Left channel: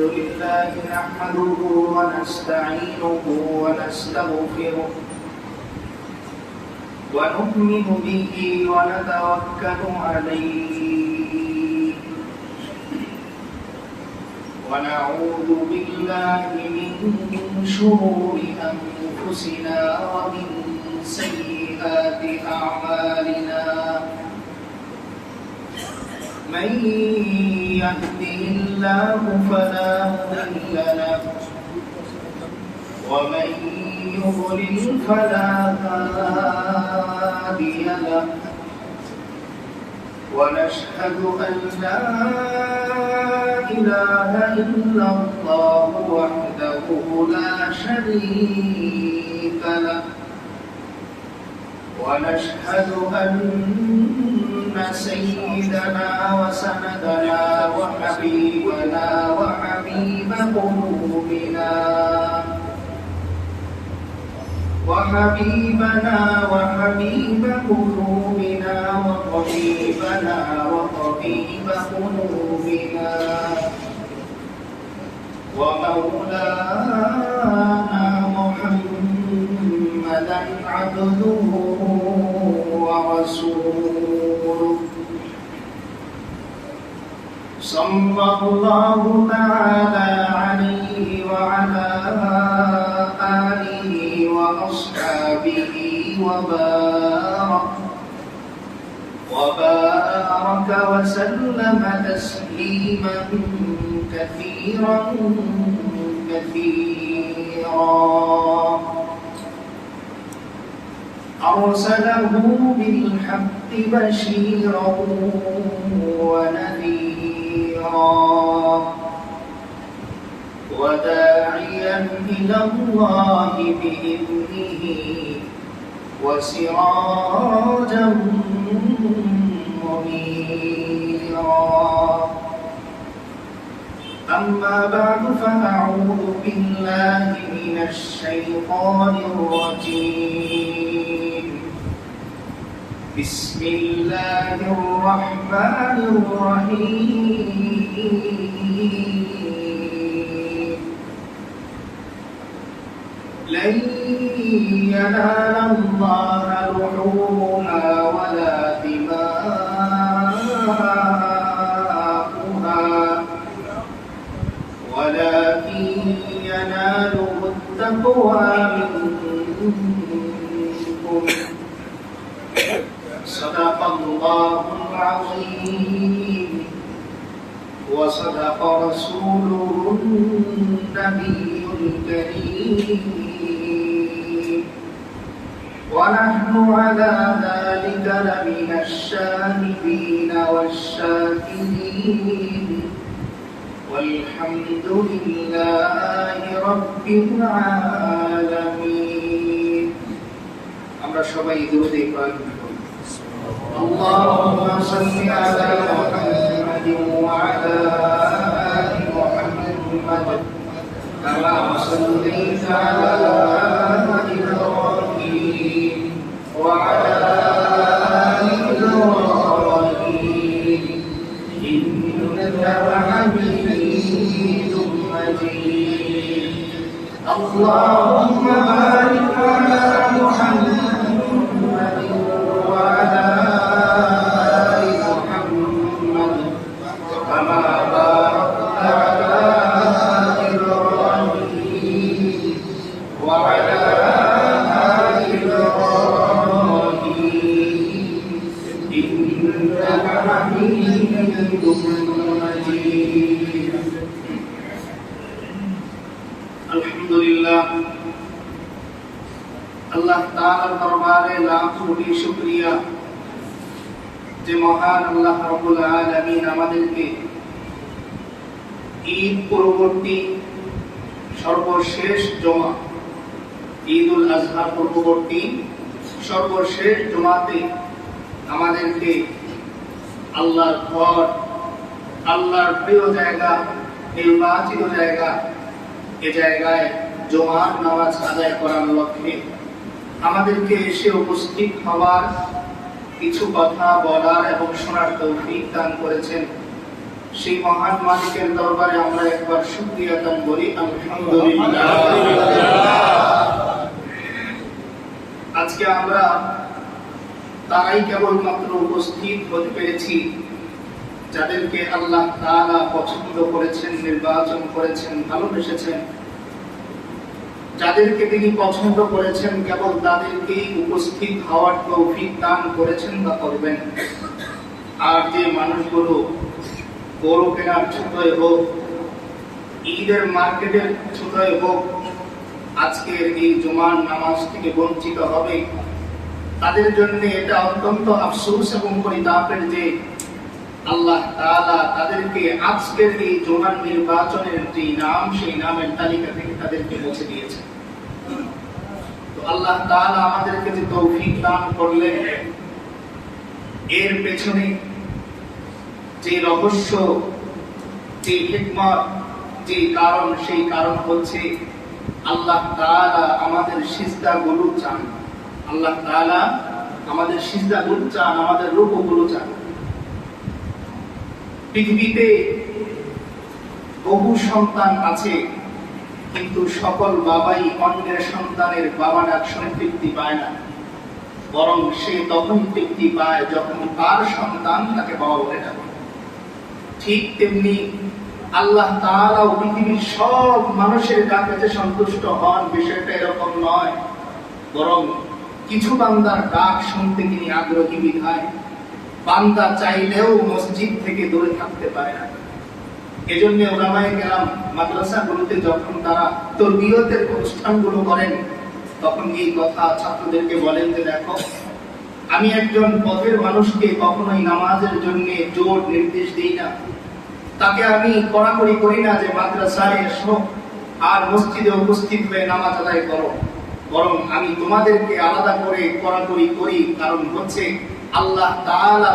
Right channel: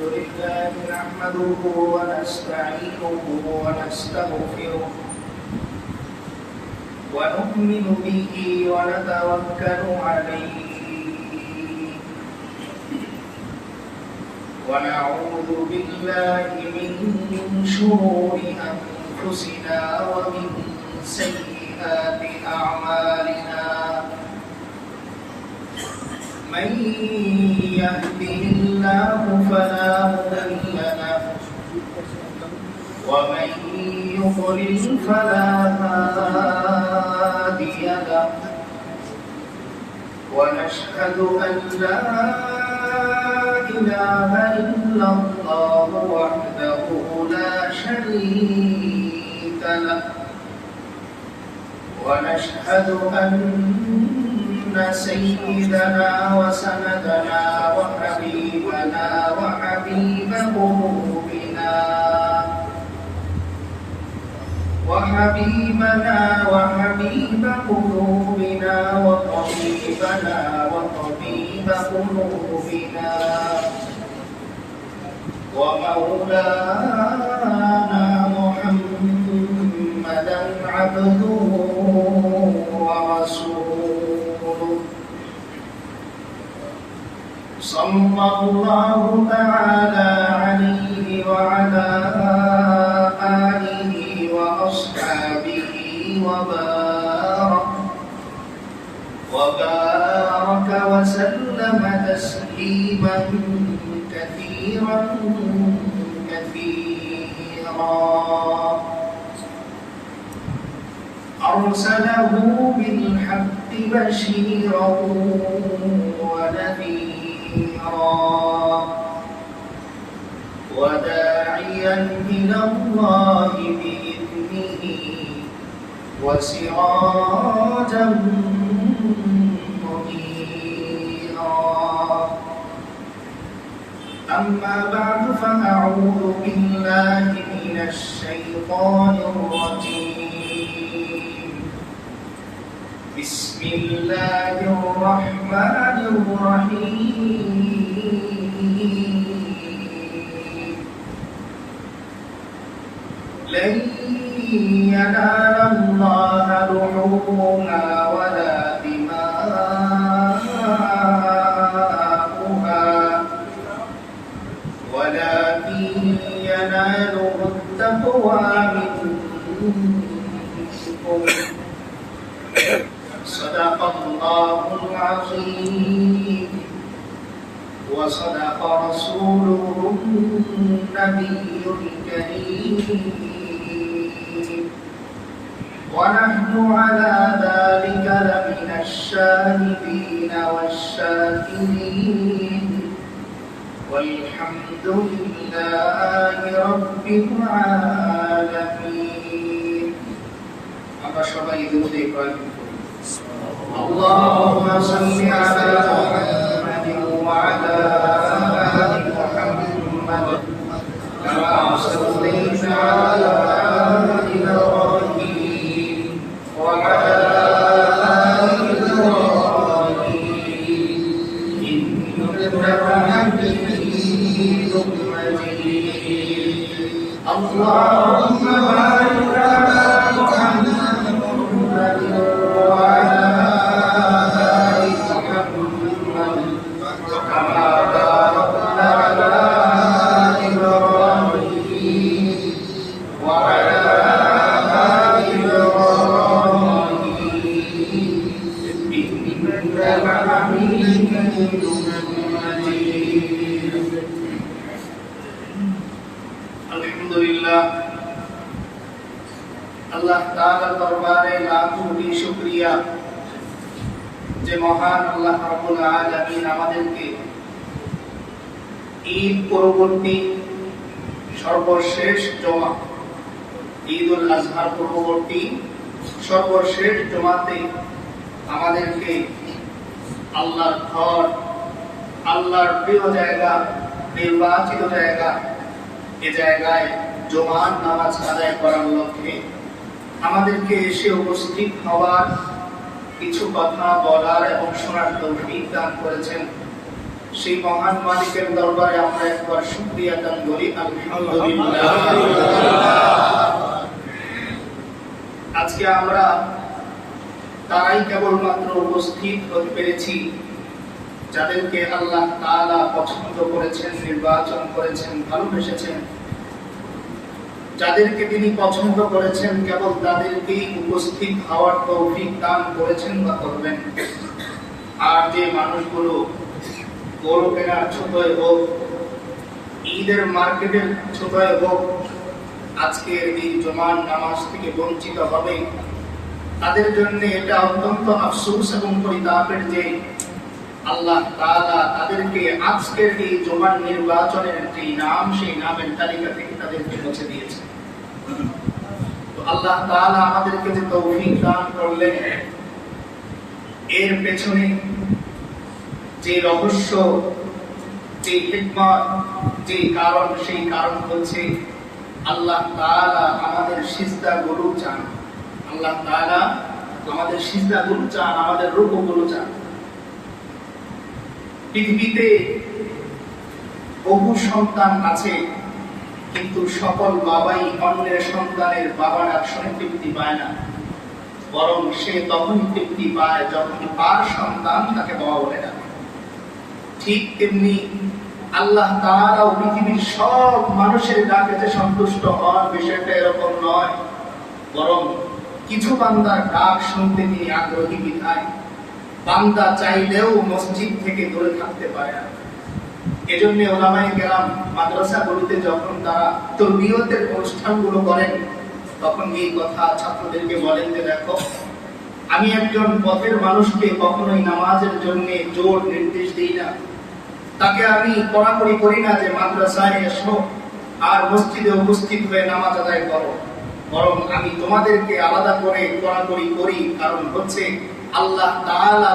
لله نحمده ونستعينه ونستغفره ونؤمن به ونتوكل عليه ونعوذ بالله من شرور أنفسنا ومن سيئات أعمالنا من يهده الله فلا مضل له ومن يضلل فلا هادي له ونشهد أن لا إله إلا الله وحده لا شريك له ونشهد أن سيدنا وسندنا وحبيبنا وحبيب قلوبنا وحبيب قلوبنا وطبيب قلوبنا ومولانا محمدا عبده ورسوله صلى الله تعالى عليه وعلى آله وأصحابه وبارك وسلم تسليما كثيرا أرسله بالحق بشيرا ونذيرا وداعيا إلى الله بإذنه وسراجا منيرا أما بعد فأعوذ بالله من الشيطان الرجيم بسم الله الرحمن الرحيم لن ينال الله لحومها ولا دماؤها ولكن يناله التقوى منكم صدق الله العظيم وصدق رسوله النبي الكريم ونحن على ذلك لمن الشاهدين والشاكرين والحمد لله رب العالمين আমরা সবাই দুরূদ পড়ি اللهم صل على محمد وعلى آل محمد كما صليت على إبراهيم وعلى آل إبراهيم إنك حميد مجيد اللهم بارك على محمد وعلى آل محمد كما باركت على إبراهيم وعلى آل إبراهيم إنك حميد مجيد الحمد لله আল্লাহ তাআলার দরবারে লাখ কোটি শুকরিয়া যে মহান আল্লাহ রাব্বুল আলামিন আমাদেরকে ঈদ পরবর্তী সর্বশেষ জুমা ঈদুল আজহার পূর্ববর্তী সর্বশেষ জুমাতে আমাদেরকে আল্লাহর ঘর আল্লাহর প্রিয় জায়গা নির্বাচিত জায়গা এ জায়গায় জুমার নামাজ আদায় করার লক্ষ্যে আমাদেরকে এসে উপস্থিত হওয়ার কিছু কথা বলার এবং শোনার তৌফিক দান করেছেন সেই মহান মালিকের দরবারে আমরা একবার শুকরিয়া দান করি, আলহামদুলিল্লাহ। আজকে আমরা তারাই কেবলমাত্র উপস্থিত হতে পেরেছি যাদেরকে আল্লাহ তাআলা পছন্দ করেছেন, নির্বাচন করেছেন, ভালোবেসেছেন। যাদেরকে তিনি পছন্দ করেছেন কেবল তাদেরকেই উপস্থিত হওয়ার তৌফিক দান করেছেন বা করবেন। আর যে মানুষগুলো গরু কেনার ছোটয় হোক, ঈদের মার্কেটের ছোটয় হোক, আজকের এই জুমার নামাজ থেকে বঞ্চিত হবে, তাদের জন্য এটা অত্যন্ত আফসোস এবং পরিতাপের যে আল্লাহ তাআলা তাদেরকে আজকের এই জুমার নির্বাচনের যে নাম, সেই নামের তালিকা থেকে তাদেরকে মুছে দিয়েছে। তো আল্লাহ তাআলা আমাদেরকে যে তৌফিক দান করলেন, এর পেছনে যে রহস্য, যে হিকমত, যে কারণ, সেই কারণ হচ্ছে আল্লাহ তাআলা আমাদের সিজদাগুলো চান। আল্লাহ তাআলা আমাদের সিজদাগুলো চান, আমাদের রুকুগুলো চান। পৃথিবীতে বহু সন্তান আছে, কিন্তু সকল বাবাই অন্যের সন্তানের বাবা ডাক শুনে তৃপ্তি পায় না, বরং সে তখন তৃপ্তি পায় যখন তার সন্তান তাকে বাবা বলে ডাকে। ঠিক তেমনি আল্লাহ তাআলা পৃথিবীর সব মানুষের ডাকে যে সন্তুষ্ট হন, বিষয়টা এরকম নয়, বরং কিছু বান্দার ডাক শুনতে তিনি আগ্রহী বিধায় বান্দা চাইলেও মসজিদ থেকে দূরে থাকতে পারে না। এজন্য উলামায়ে কেরাম মাদ্রাসাগুলোতে যখন তারা তরবিয়তের অনুষ্ঠানগুলো করেন, তখন এই কথা ছাত্রদেরকে বলেন যে দেখো, আমি একজন পথের মানুষকে কখনোই নামাজের জন্য জোর নির্দেশ দিই না, তাকে আমি কড়াকড়ি করি না যে মাদ্রাসায় এসো আর মসজিদে উপস্থিত হয়ে নামাজ আদায় করো, বরং আমি তোমাদেরকে আলাদা করে কড়াকড়ি করি। কারণ হচ্ছে আল্লাহ তাআলা